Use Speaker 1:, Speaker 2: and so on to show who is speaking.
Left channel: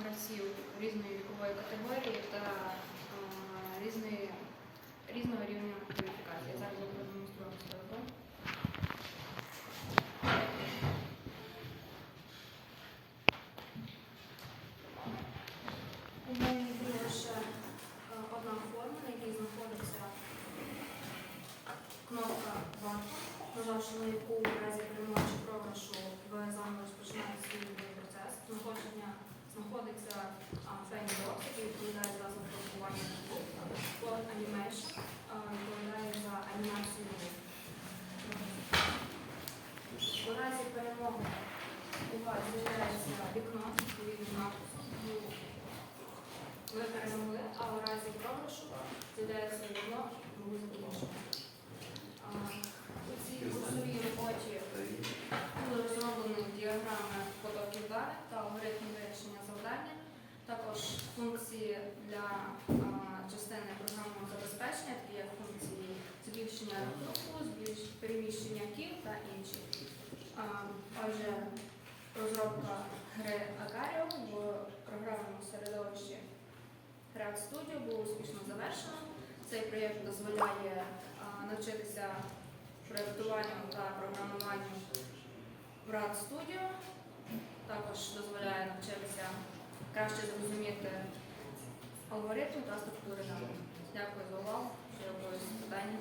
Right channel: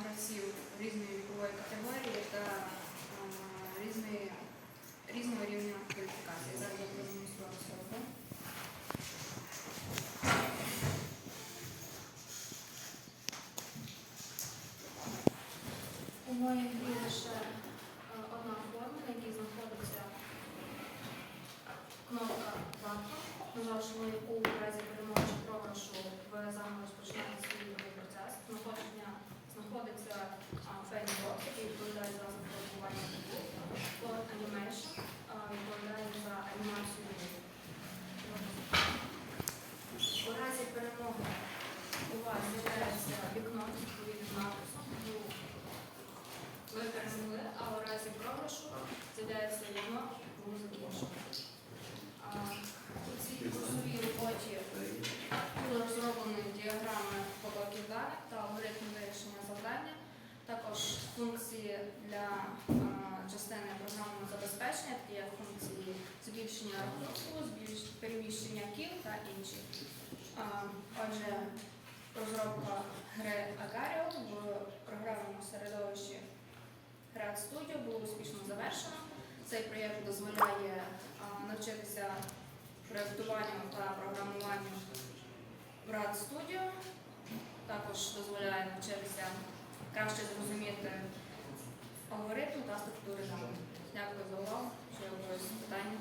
Speaker 1: гравців різної вікової категорії та а, різної, різного рівня кваліфікації. Зараз я продемонструю свою. У моїй грі лише е, одна форма, на якій знаходиться кнопка варта, нажавши на яку в разі перемоги чи програшу Animation відповідає за анімацію. У разі перемоги з'являється вікно відповідним написом. Ви перемогли, а у разі програшу з'являється вікно грузи закінчено. Функції для частини програмного забезпечення, такі як функції збільшення рахунку, переміщення кіл та інші. Отже, розробка гри Агаріо в програмному середовищі Grad Studio було успішно завершено. Цей проєкт дозволяє навчитися проєктуванню та програмуванню в Grad Studio. Також дозволяє навчитися краще зрозуміти алгоритми та структури даних. Дякую за увагу. Ще є питання?